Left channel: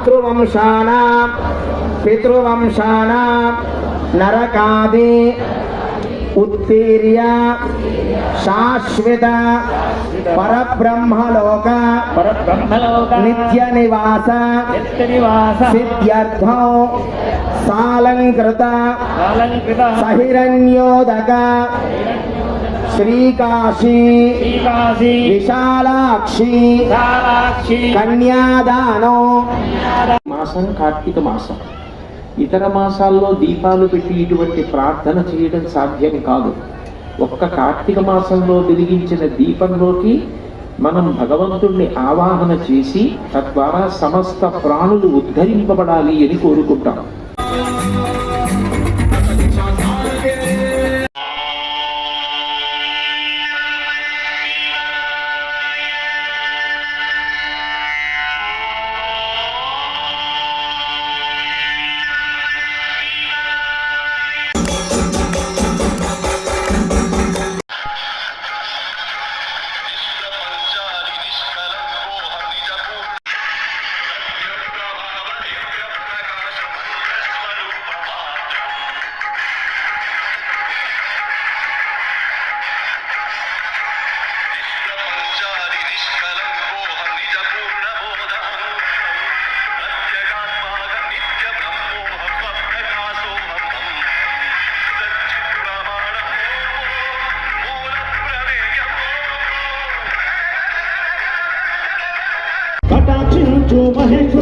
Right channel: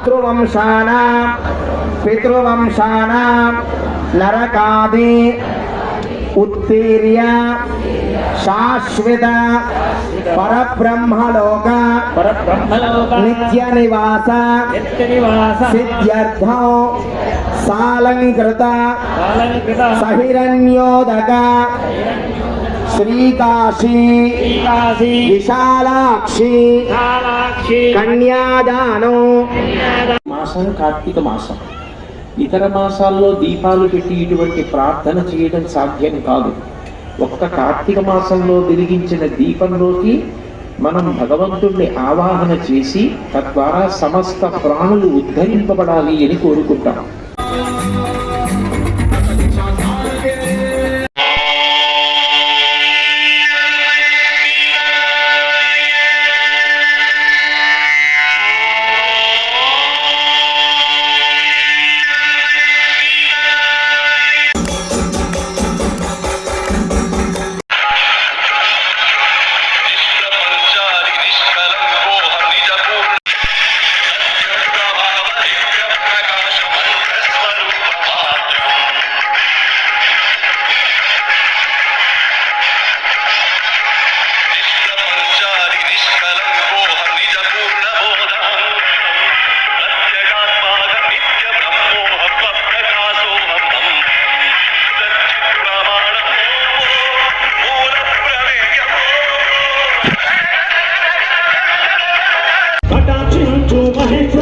మాతృవంశానాం పితృవంశానాం నరకాది ఉత్తీర్య శాశ్వత పరబ్రహ్మలోక నిత్య నివాస సిద్ధ్యర్థం సాలంకృత సహిరణ్యోదక శ్రీకాశీ విశాలాక్షి కన్యాదానం. మాసం కార్తీక మాసం. ఇతర మాసాల్లో దీపాలు పెట్టి ఇటువంటి ప్రార్థన చేయడం సాధ్యం కాదు. ఒక్క కార్తీక మాసంలో వెలిగించిన దీపంలోకి మనం భగవంతుణ్ణి ఆవాహన చేసి తద్వారా సమస్త ప్రాణులు ఉద్ధరింపబడాలి అని కోరుకుంటాం. మహేశ్వర